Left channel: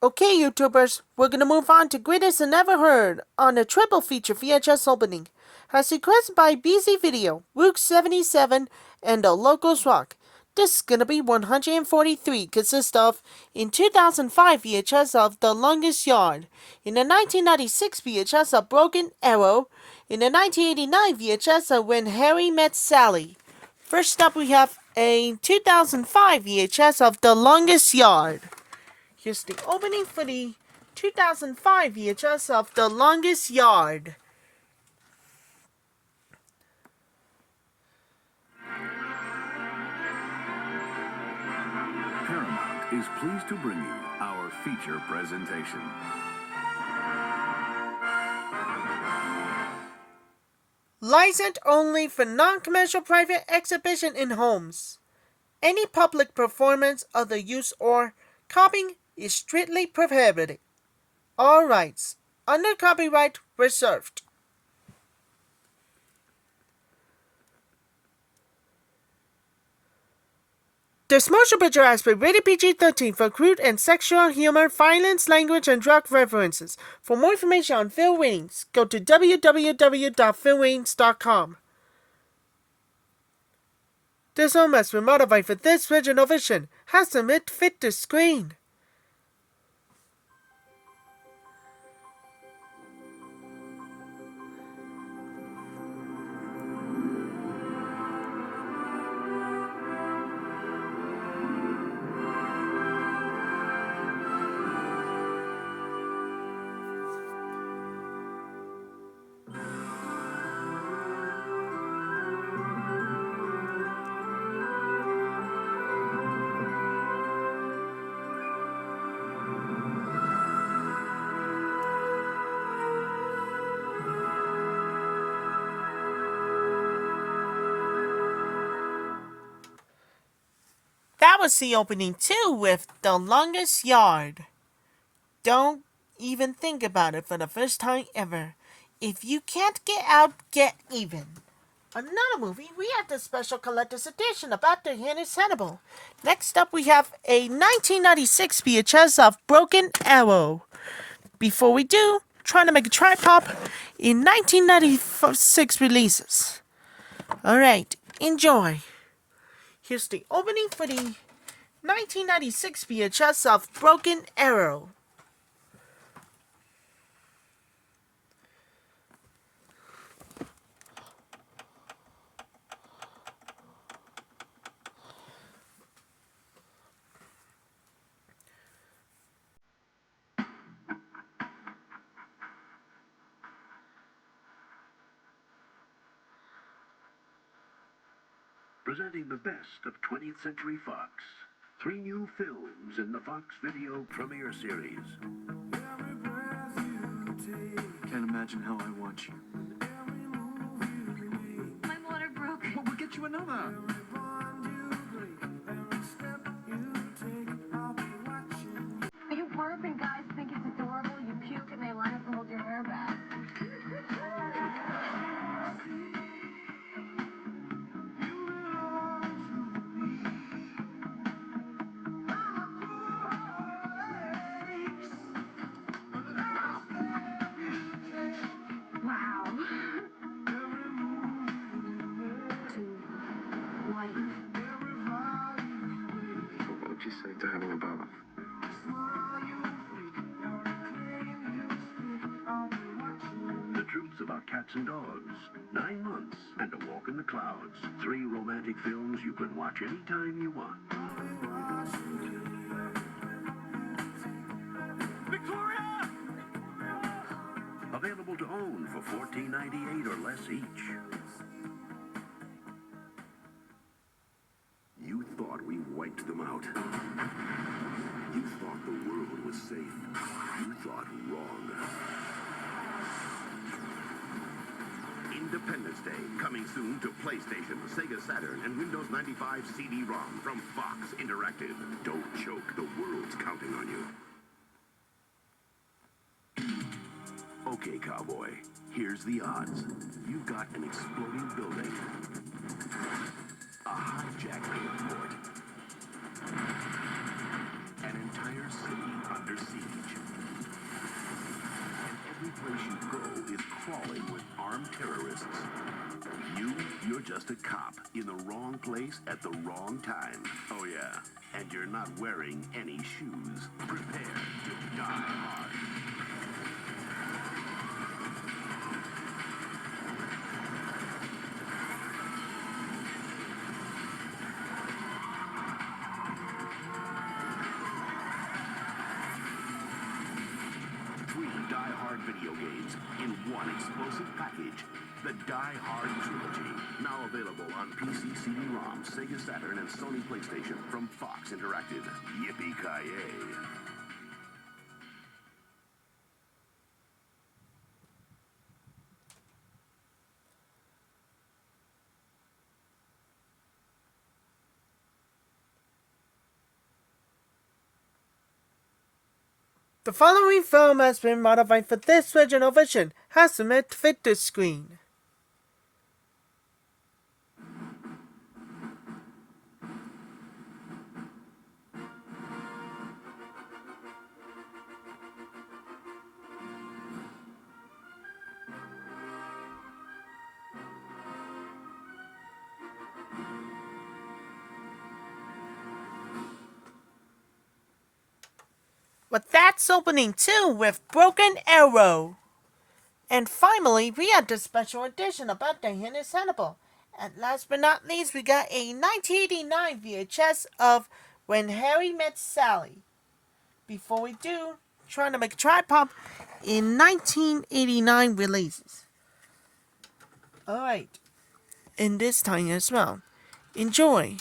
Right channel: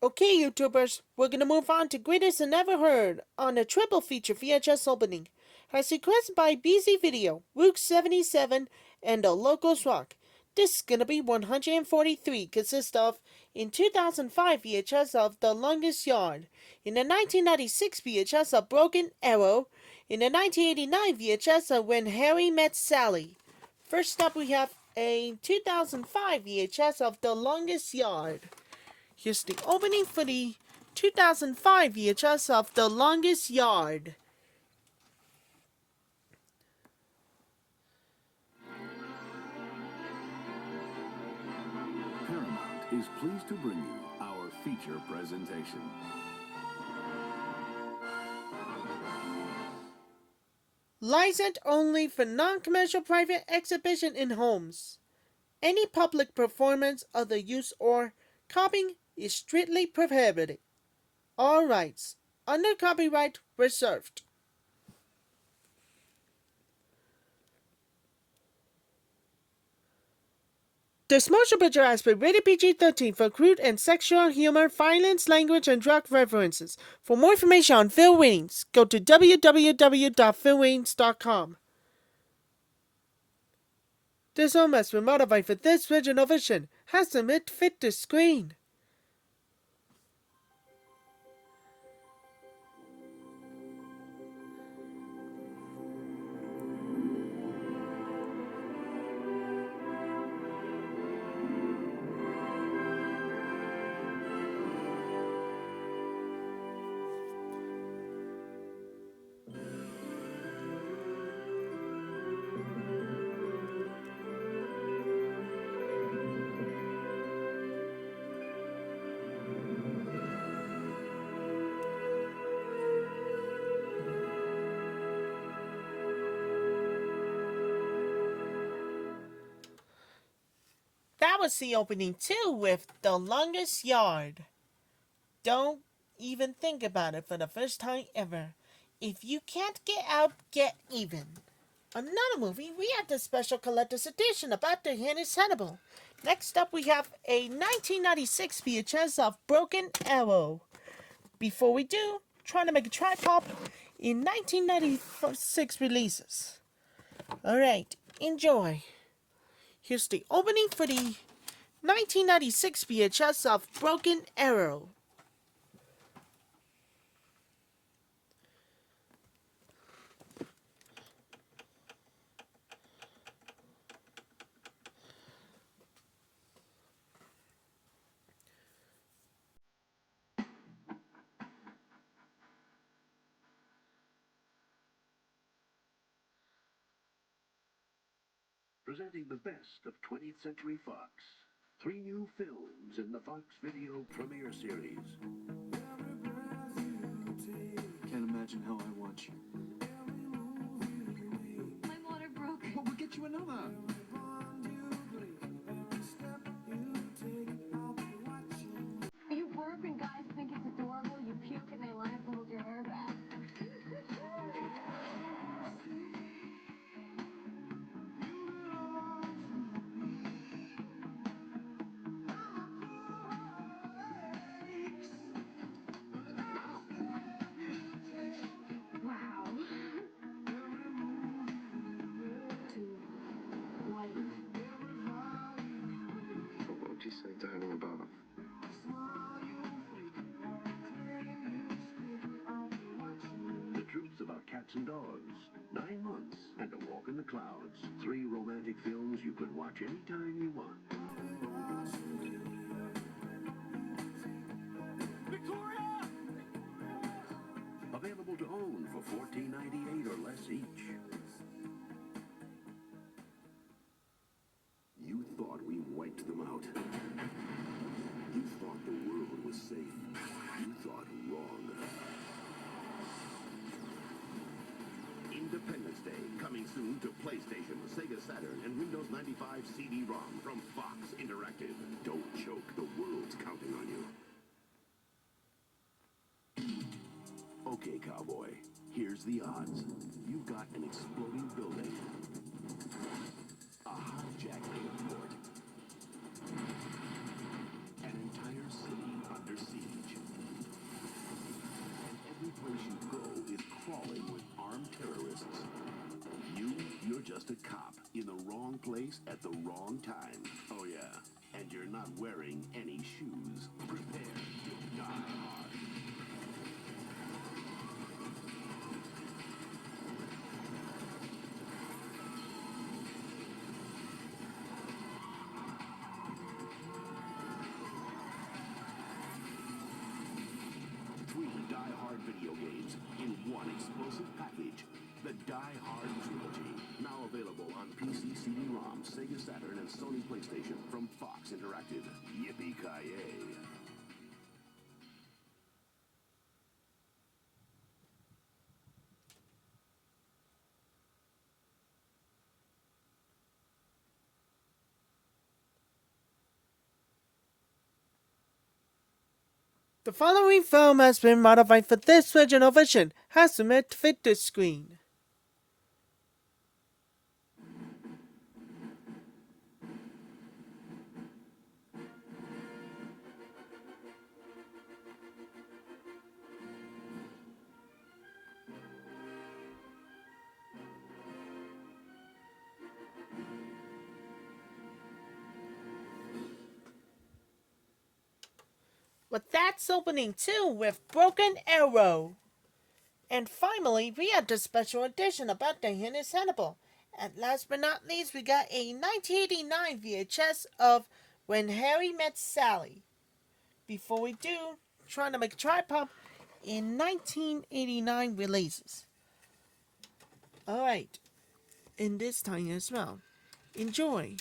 Okay, YouTubers, we're gonna move on to Greatest and Never Heard on a triple feature VHS opening, as requested by B.C.Video, Rook77, and TheLogosRock. This is gonna be 143, consists of, in 2005 VHS of The Longest Yard, in the 1996 VHS of Broken Arrow, in the 1989 VHS of When Harry Met Sally. First up we have a 2005 VHS of The Longest Yard. Here's the opening for the 2005 VHS of The Longest Yard. Paramount is pleased to bring you our feature presentation. Licensed only for non-commercial private exhibition in homes. Any public performance, other use, or copying is strictly prohibited. All rights under copyright reserved. This motion picture has been rated PG-13 for crude and sexual humor, violence, language, and drug references. For more information on film ratings, go to www.filmratings.com. This film has been modified for this original vision, has to fit the screen. That was the opening too with The Longest Yard. Don't even think about it for the first time ever. If you can't get out, get even. Another movie, we have the special collector's edition about the Hennis Hannibal. Next up we have a 1996 VHS of Broken Arrow. Before we do, trying to make a tripod in 1996 releases. Alright, enjoy. Here's the opening for the 1996 VHS of Broken Arrow. Presenting the best of 20th Century Fox. 3 new films in the Fox Video Premiere Series. Can't imagine how I want you. My water broke. But we'll get you another. You burp and guys think it's adorable. You puke and they line up to hold your hair back. Wow. To life. What'd you say to having a bath? The truths about cats and dogs. 9 months and a walk in the clouds. 3 romantic films you can watch anytime you want. Victoria! Available to own for $14.98 or less each. You thought we wiped them out. You thought the world was safe. You thought wrong. Independence Day, coming soon to PlayStation, Sega Saturn, and Windows 95 CD-ROM from Fox Interactive. Don't choke, the world's counting on you. Okay, cowboy, here's the odds. You've got an exploding building, a hijacked airport, an entire city under siege. You're just a cop in the wrong place at the wrong time. Oh yeah, and you're not wearing any shoes. Prepare to die hard. Three Die Hard video games in one explosive package. The Die Hard Trilogy. Now available on PC, CD-ROM, Sega Saturn, and Sony PlayStation from Fox Interactive. Yippee-ki-yay. The following film has been modified for this original version, has been made to fit this screen. But that's opening 2 with Broken Arrow. And finally, we had the special edition about the Hidden Hannibal. And last but not least, we got a 1989 VHS of When Harry Met Sally. Before we do, trying to make a tripod in 1989 releases. Alright, in this time as well. Enjoy.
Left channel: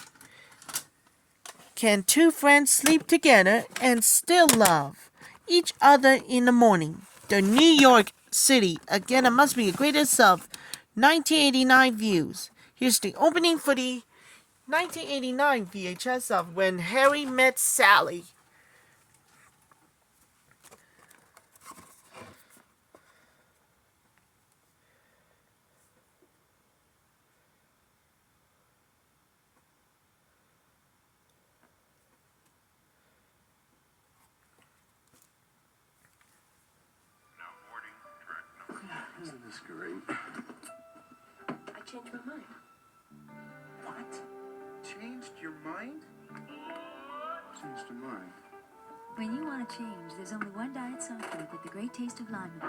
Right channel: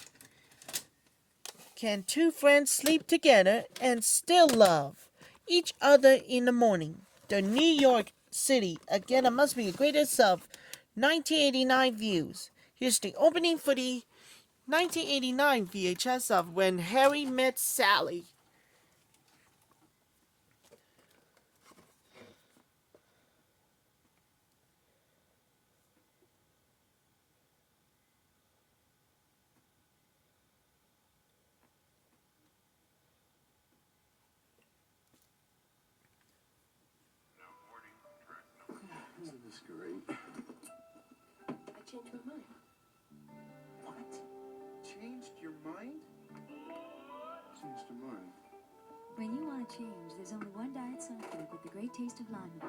Can two friends sleep together and still love each other in the morning? The New York City, again, it must be the greatest of 1989 views. Here's the opening for the 1989 VHS of When Harry Met Sally. Isn't this great? I changed my mind. What? Changed your mind? Changed your mind. When you want to change, there's only one diet soft drink with the great taste of lime.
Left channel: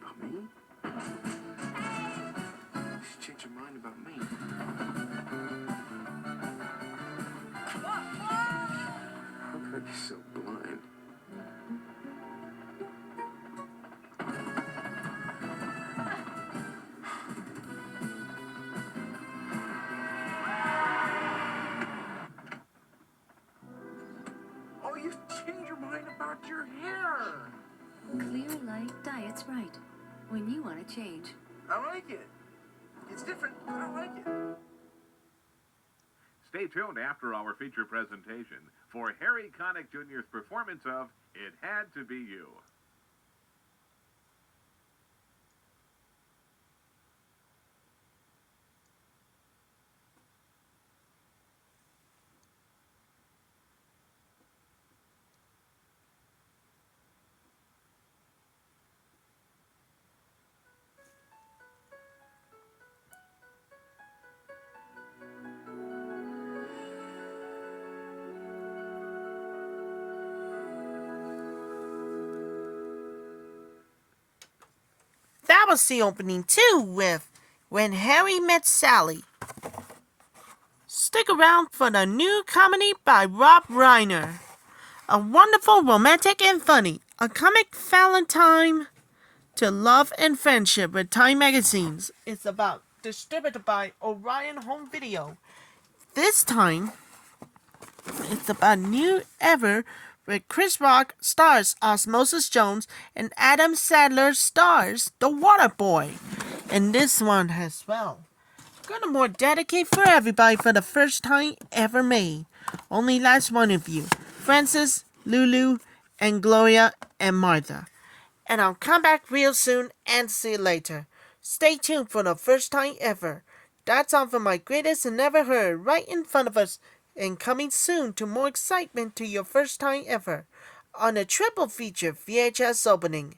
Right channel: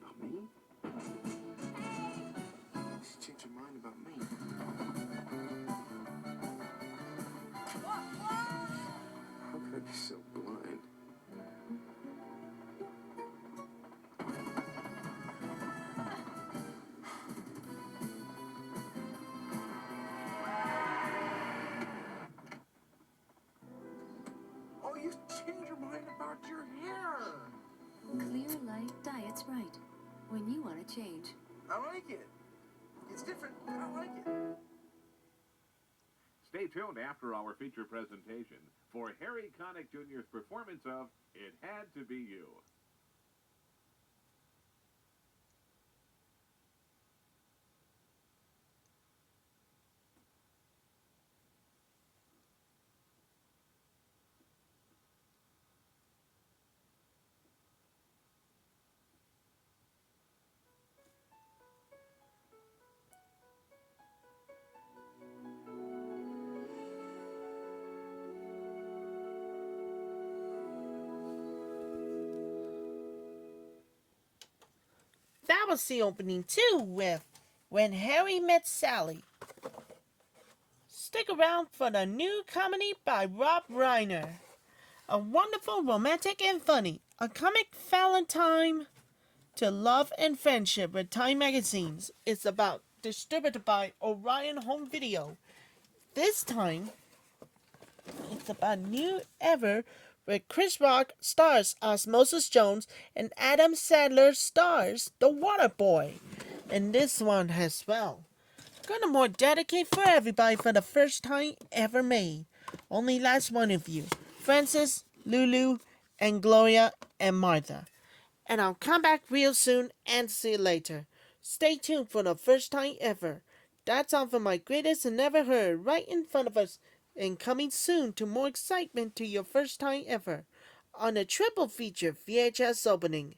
About me? You changed your mind about me. How could I be so blind? Oh, you changed your mind about your hair. Clear like diet Sprite. When you want to change. I like it. It's different, but I like it. Stay tuned after our feature presentation for Harry Connick Jr.'s performance of It Had to Be You. That was the opening too with When Harry Met Sally. Stick around for the new comedy by Rob Reiner. A wonderful, romantic, and funny. A comic Valentine to love and friendship with Time magazines. It's about distributed by Orion Home Video. This time, it's about new ever where Chris Rock stars Osmosis Jones and Adam Sandler stars The Water Boy. And this one as well. Gonna more dedicate for everybody for the first time ever made. Only last one of you. Francis, Lulu, and Gloria, and Martha. And I'll come back real soon and see you later. Stay tuned for the first time ever. That's all for my greatest and never heard right in front of us and coming soon to more excitement to your first time ever. on a triple feature VHS opening.